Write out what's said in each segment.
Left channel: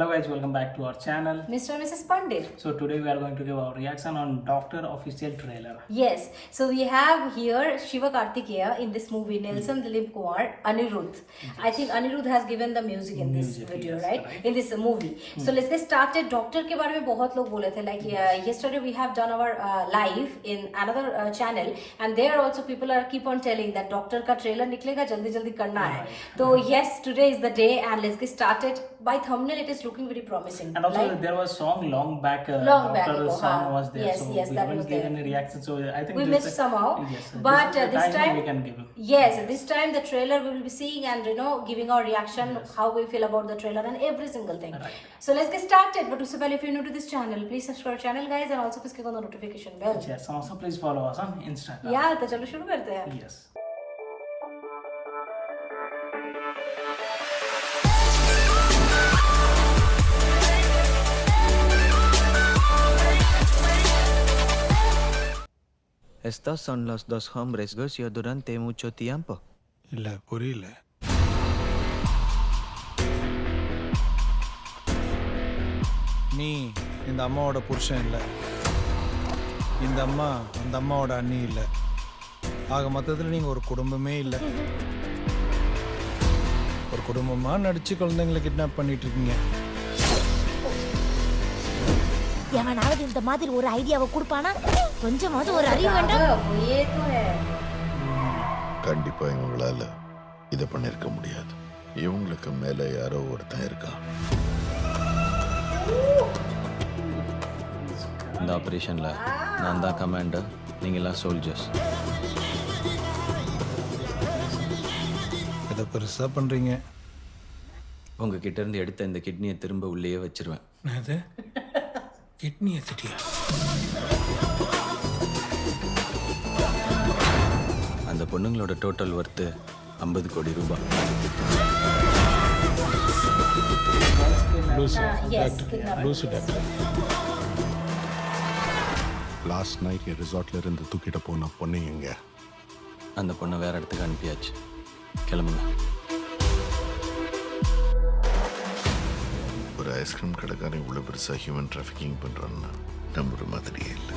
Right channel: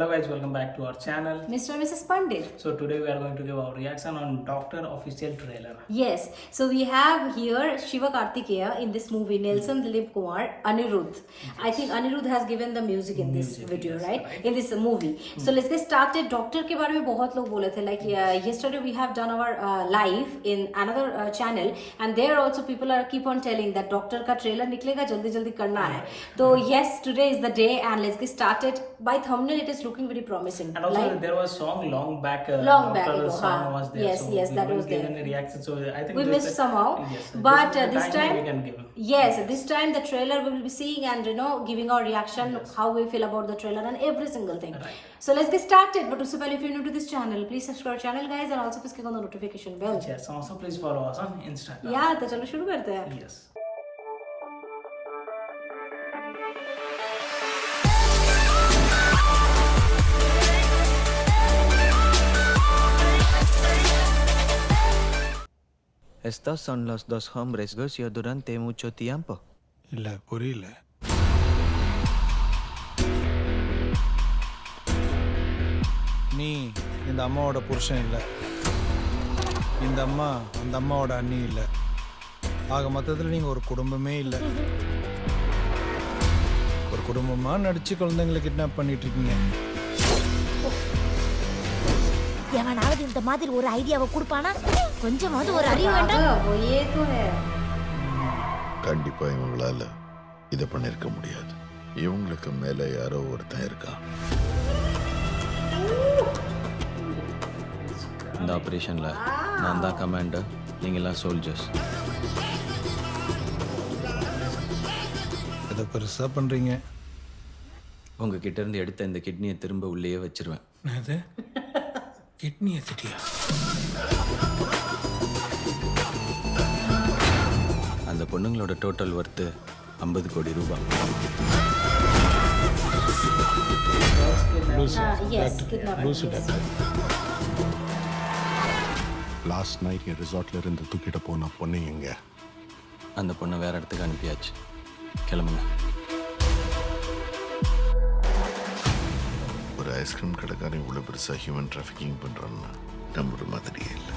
Hello guys, welcome back to our channel. Mr. and Mrs. Pandit. So today we are going to give our reaction on Doctor official trailer. Yes, so we have here Shiva Karthikeya in this movie, Nelson Dilip Kumar, Anirudh. Yes. I think Anirudh has given the music in this video, yes, right? In this movie. So let's get started. Doctor के बारे में बहुत लोग बोले थे. Like yesterday we have done our live in another channel, and there also people are keep on telling that Doctor का trailer निकलेगा जल्दी जल्दी करना है. So yes, today is the day, and let's get started. By thumbnail it is looking very promising. And also like, there was song long back. Doctor's song was there. Yes, so yes, we that was given there. a reaction. So I think we missed somehow. Yes, but this time we can give. Yes, this time the trailer we will be seeing and giving our reaction, yes, how we feel about the trailer and every single thing. Right. So let's get started. But also, if you're new to this channel, please subscribe our channel, guys, and also please click on the notification bell. Yes, and also please follow us on Instagram. Yeah, तो चलो शुरू करते हैं. Yes. ¿Estas son los dos hombres Gusio durante mucho tiempo? இல்ல புரியல. நீ இந்த அம்மாவோட புருஷன் இல்லை, இந்த அம்மா அந்த அம்மாவோட அண்ணி இல்லை, ஆக மொத்தத்தில் நீங்கள் ஒரு குடும்பமே இல்லை. ஒரு குடும்பமாக நடிச்சு குழந்தைங்களை கிட்னாப் பண்ணிட்டு இருக்கீங்க. எவனாவது இந்த மாதிரி ஒரு ஐடியாவை கொடுப்பானா? கொஞ்சமாவது ஒரு அறிவு வேண்டாம். கண்டிப்பா இவங்களால இதை பண்ணிருக்க முடியாது. இவங்களுக்கு மேல யாரோ ஒருத்தன் இருக்கான். இந்த ஆபரேஷன்ல நான் தான் கமாண்டர், நீங்களாம் சோல்ஜர்ஸ். இதை பெருசாக பண்ணுறீங்க. உங்ககிட்ட இருந்து எடுத்த இந்த கிட்னியை திரும்ப உள்ளேயே வச்சிருவேன். அது கிட்னி எடுத்துட்டியா? அந்த பொண்ணுங்களோட டோட்டல் ஒர்த்து 50 கோடி ரூபாய். லூசு டாக்டர். லாஸ்ட் நைட் என் ரிசார்ட்ல இருந்து தூக்கிட்டு போன பொண்ணு எங்க? அந்த பொண்ணை வேற இடத்துக்கு அனுப்பியாச்சு. கிளம்புங்க. ஒரு ஐஸ்கிரீம் கடைக்காரன் இவ்வளவு பெருசா ஹியூமன் டிராஃபிக்கிங் பண்றான்னா நம்புற மாதிரியே இல்லை.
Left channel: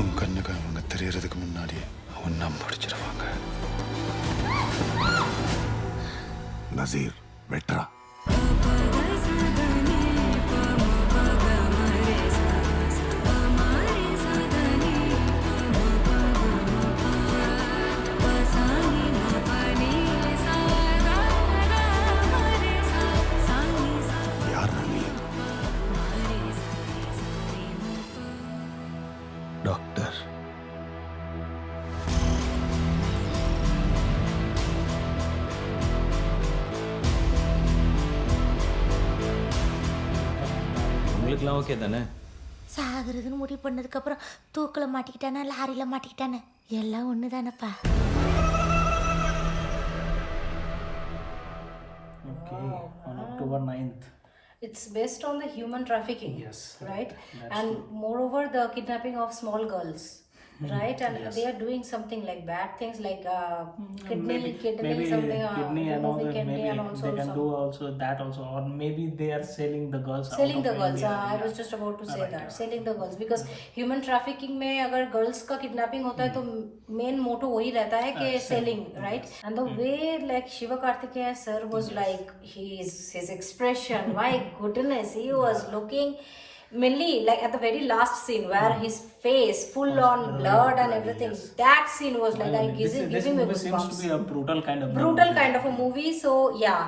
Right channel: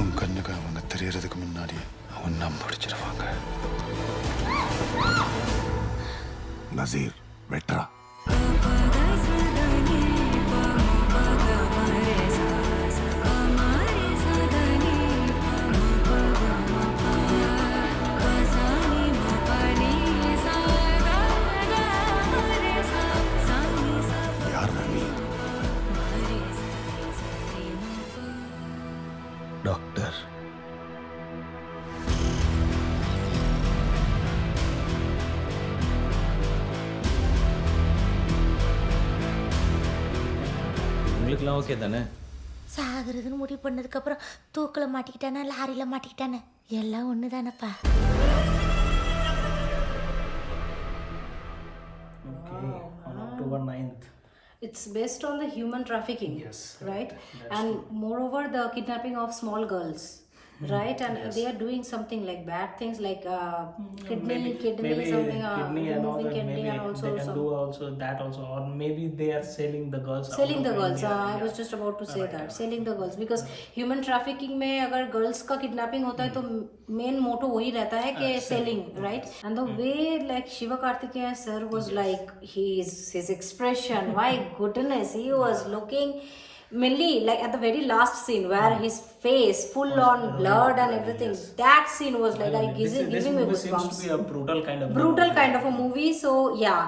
உன் கண்ணுக்கு அவங்க தெரியறதுக்கு முன்னாடி ஒன்னா முடிச்சிருவாங்க. நசீர் வெட்ரா. டாக்டர். உங்களுக்குலாம் ஓகே தானே? சாகுறதுன்னு முடிவு பண்ணதுக்கு அப்புறம் தூக்கில் மாட்டிக்கிட்டானே லாரியில் மாட்டிக்கிட்டானே எல்லாம் ஒன்று தானப்பா. Okay, on October 9th. It's based on the human trafficking, Yes, right? that's And true. moreover, the kidnapping of small girls, right? And Yes. they are doing something like bad things, like kidney maybe something, kidney and all removing that. kidney Maybe and also they can do also that also, or maybe they are selling the girls. selling out the of girls. India. I Yeah. was just about to say Right, that, yeah. selling the girls, because human trafficking में अगर girls का kidnapping होता है तो main motto वही रहता है कि selling, right? And the way like Shiva Karthikeya sir was like, his expression, my goodness, he was looking. Mainly like at the very last scene where his face full on blood and everything, yes. that scene was like, I This giving me movie seems goosebumps. to be a brutal kind of a movie. So yeah,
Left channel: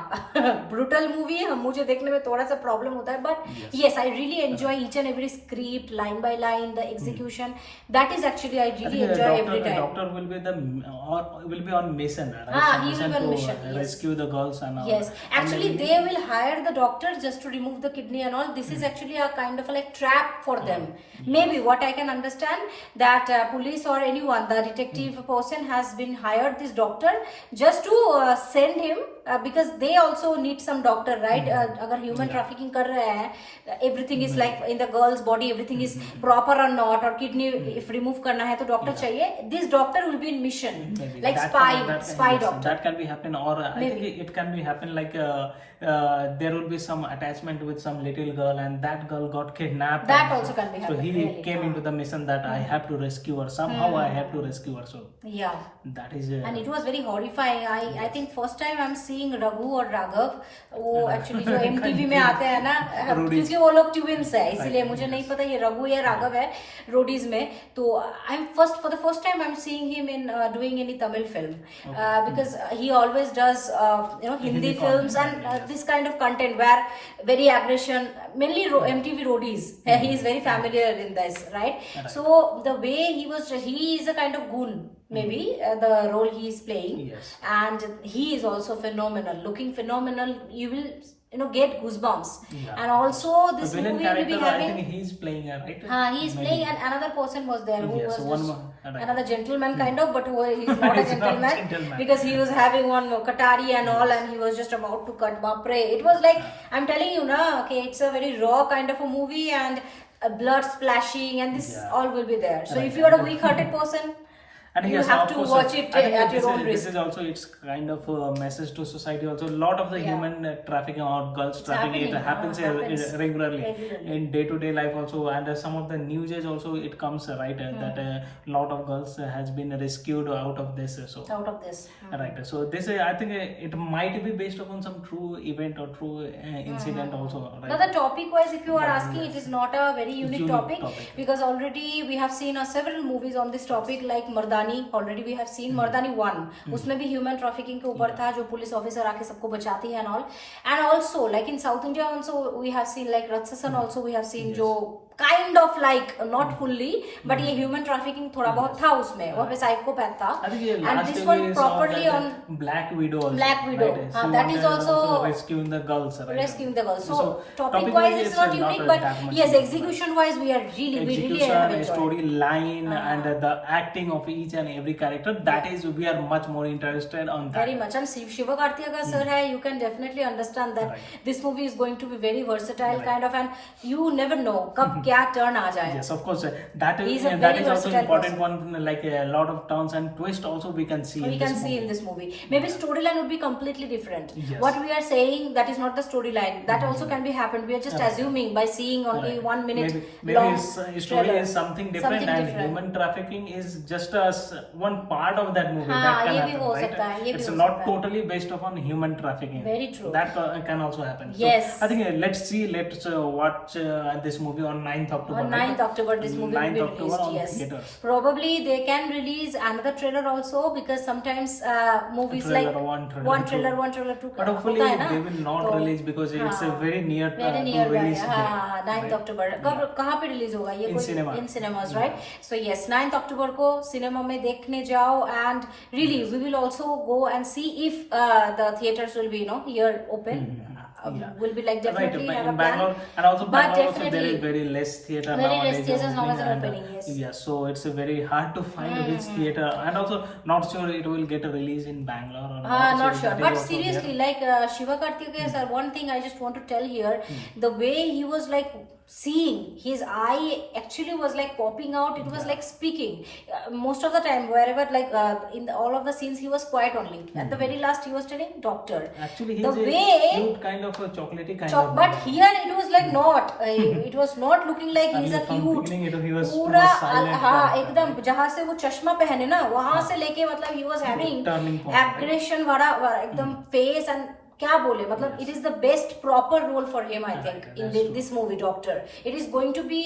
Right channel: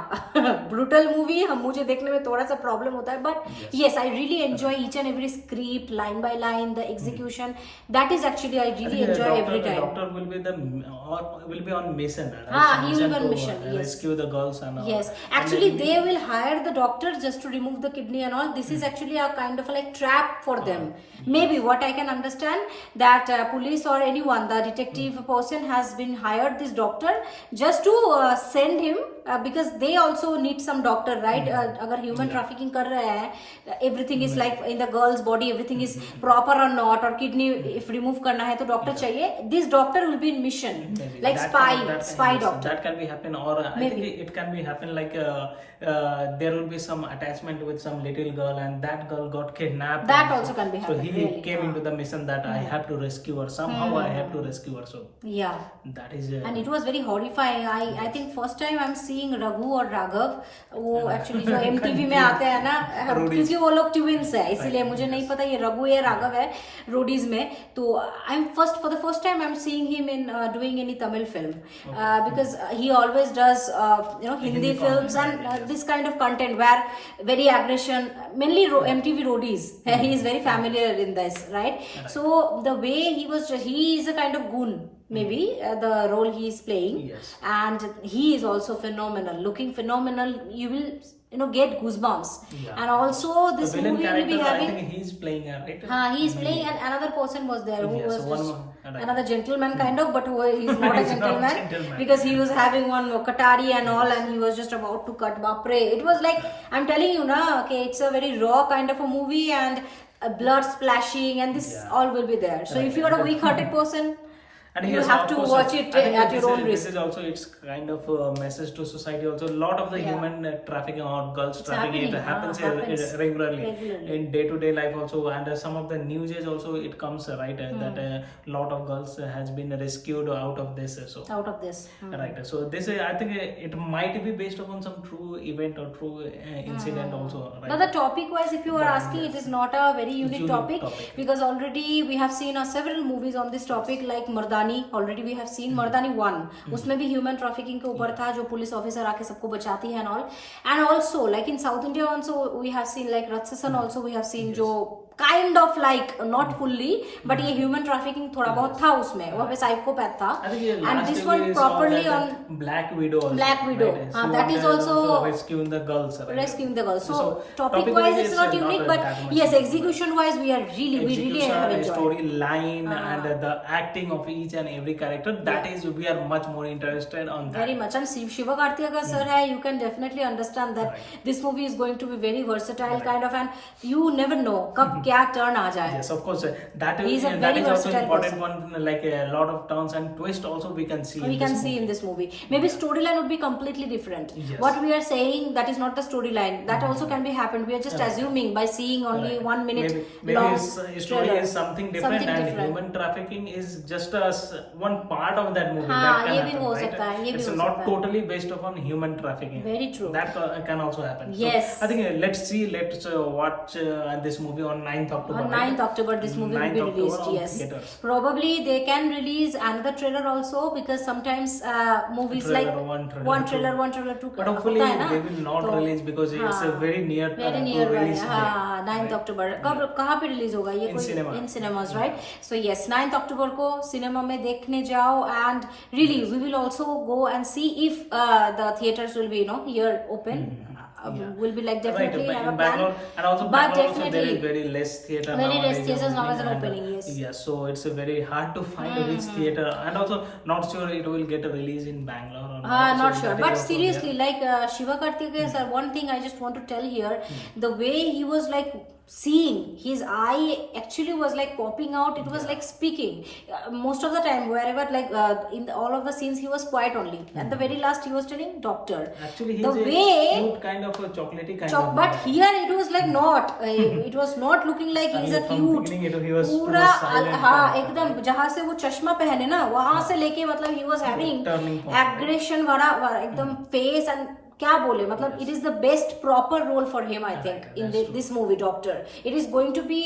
brutal movie हम मुझे देखने में थोड़ा सा problem होता है, but yes, I really enjoy each and every script, line by line, the execution. That is actually I really enjoy every time. The doctor will be on mission, right? He will be on mission, to yes. rescue the girls and all. Yes, actually they will hire the doctor just to remove the kidney and all. This is actually a kind of a like trap for them. Maybe what I can understand understand that police or anyone, the detective person has been hired this doctor just to send him because they also need some doctor, right? Agar human trafficking kar rahe hain, everything is like in the girl's body, everything is proper or not, or kidney if remove karna hai to doctor chahiye. This doctor will be in mission, Maybe like that spy yes, doctor. that can be happen, or I think it can be happen like there will be some attachment with some little girl and that girl got kidnapped. That and also can be so happen, he really. came into the mission that I have to rescue her somehow. I have to rescue her. So Yeah. that is And it was very horrifying. I think first time I'm seeing Raghu और राघव, वो actually जो MTV में आते हैं ना, क्योंकि वो लोग twins है, इसीलिए मुझे नहीं पता ये रघु या राघव है रोडीज में. तो for the first time I'm seeing him in doing any Tamil film because he always does Hindi films and this kind of content where very aggression, mainly MTV roadies. He is very familiar in this, right? So the way he is a kind of goon. Maybe the role he is playing, Yes. and he is also phenomenal, looking phenomenal. You will get goosebumps. Yeah. And also this the villain movie will character, be I having think he's playing right. he is Maybe. playing, and another person was there who Yes, was one just more, right. another gentleman kind of, but who is not a He's not gentleman, gentleman. because he was having one katari and all, and he was just about to cut bapre. It was like, I'm telling you na, okay, it's a very raw kind of a movie, and blood splashing, and this all will be there. So if you are a weak-hearted person, And you yes, have of to course, watch it I think at your own this risk. is also, it's kind of a message to society also. A lot of the human trafficking or girls trafficking, it happens, regularly in day-to-day life also, and some of the news also it comes right that a lot of girls has been rescued out of this. So out of this. right, so this I think it might be based upon some true event or true incident also, right? Now the topic wise, if you are asking, it is not a very unique topic, because already we have seen several movies on this topic, like Mardani. Already we have seen Mardani 1. उसमें भी human trafficking के ऊपर था, जो police officer आके सबको बचाती है and all. And also like in South India also we have seen like Ratsasan also we have seen, जो kind of like not fully, but ये human trafficking थोड़ा बहुत था उसमें, वो पे psychopath था. I think And last this day one we saw properly that on Black Widow also, Black Widow. right? That is also rescuing the girls, right? rescuing the girls. So topic wise wise is not unique, but that much yes, unique. execution wise we are we really have enjoyed. Storyline and the acting of each and every character, that is we are much more interested on that. Very much. And Shiva Karthikeya sir hai, you can definitely understand that this movie is going to be very versatile kind of, and you never know kab kya turn aa jaye. Yes, of course. That He's is a that very is also versatile important person. one. Like a lot of turns and twists also we can see. We can see in this movie. Maybe storyline would be completely different. Yes. What we are saying, that is not the storyline. That also can be happened. We are just assuming by seeing only 1 minute maybe long his story trailer. is something different, Something and different. human trafficking is just one part of that movie. हाँ, that can ये भी happen, हो right? सकता है, ये भी It's हो not सकता है. totally based upon human trafficking. Very true. That can also happen. Yes. So, I think let's watch this movie on 9th October. On right? 9th October, this movie will 9th be October released. on Yes, theaters. probably they can release another trailer also, because sometimes movies Trailer like one, trailer one trailer, two. one trailer two. But hopefully होता है ना? they will not तो, release because it's a very near very to near by. release हाँ, 9th October. कब कहाँ पे release होगा ये? In cinema. In cinemas, right? So yes, 9th October को सिनेमा में देखने जाओ, and really we will also go and see if the theaters will be here open. Will be like definitely right, have in a plan. Bangalore, and also But Bangalore also there definitely is very less theater very less nowadays theaters opening, nowadays are and, opening, yes. yeah, so it's very hard to find which theater, and also not sure it will get a release in Bangalore or Not so sure. that is But also seriously, there. like Shiva Karthikeya sir, one thing I just want to tell here, the way he was like seeing, his eye actually was like popping out. It was like speaking. Most of the time, wherever like in all of the scenes, he was quiet only. At the very last, he was telling doctor. Actually, the he's a way cute kind of a chocolatey kind of but guy. here it was like not. It was not looking like he is a from cute. beginning he was पूरा silent हाँ character. एकदम जहाँ से वो चश्मा पहने ना वहाँ से लेके मतलब he was having turning point, right? aggression वाला एकदम face, and क्या बोले मतलब it is the best proper role for him I think in this movie Doctor. It is going to be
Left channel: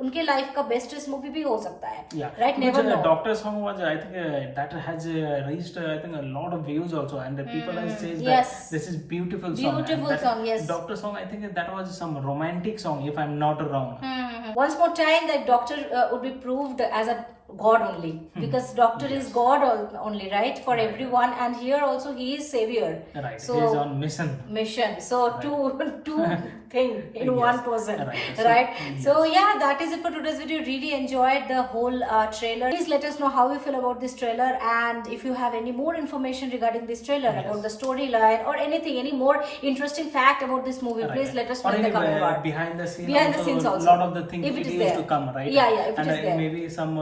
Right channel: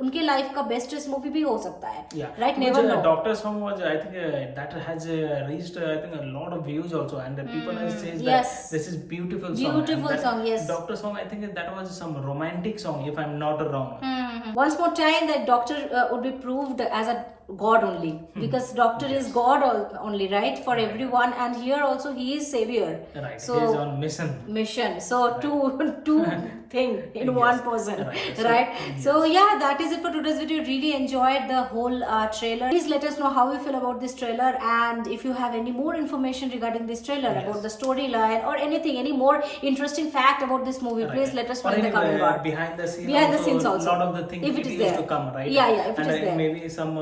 उनके life का bestest movie भी हो सकता है. Yeah, Right, because, never know. Doctor song was, I think that has reached I think a lot of views also, and the people have says that Yes. this is beautiful song. Beautiful and that song, yes. Doctor song, I think that was some romantic song if I'm not wrong. Once more time that Doctor would be proved as a God only, because doctor is God only, right, for everyone, and here also he is savior. Right. So He is on mission. So two thing in one person, right? So yeah, that is it for today's video. Really enjoyed the whole trailer. Please let us know how you feel about this trailer, and if you have any more information regarding this trailer, about the storyline or anything, any more interesting fact about this movie, please let us know or in the any comment bar. behind the scenes also. lot of the things If it it is used there. to come, right? Yeah, if it and is there. maybe some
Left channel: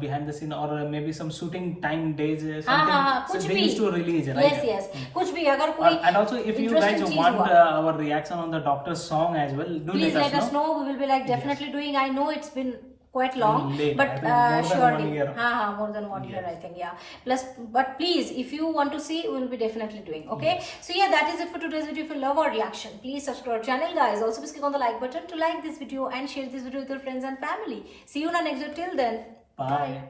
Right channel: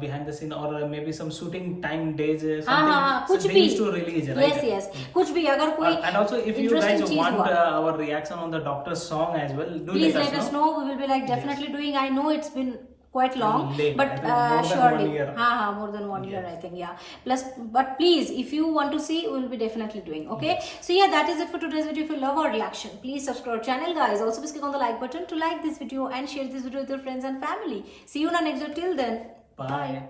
behind the scene, or maybe some shooting time days, हाँ, something कुछ they भी. used to release, right? Yes, कुछ भी अगर कोई And also, if you guys interesting चीज want हुआ, our reaction on the Doctor's song as well, do please let us know. We will be like definitely doing. I know it's been quite long, Late, but I think more than surely 1 year. more than 1 year, I think. Yeah, plus, but please, if you want to see, we will be definitely doing. Okay, so yeah, that is it for today's video. If you love our reaction, please subscribe our channel, guys. Also, please click on the like button to like this video and share this video with your friends and family. See you in our next video. Till then, Bye.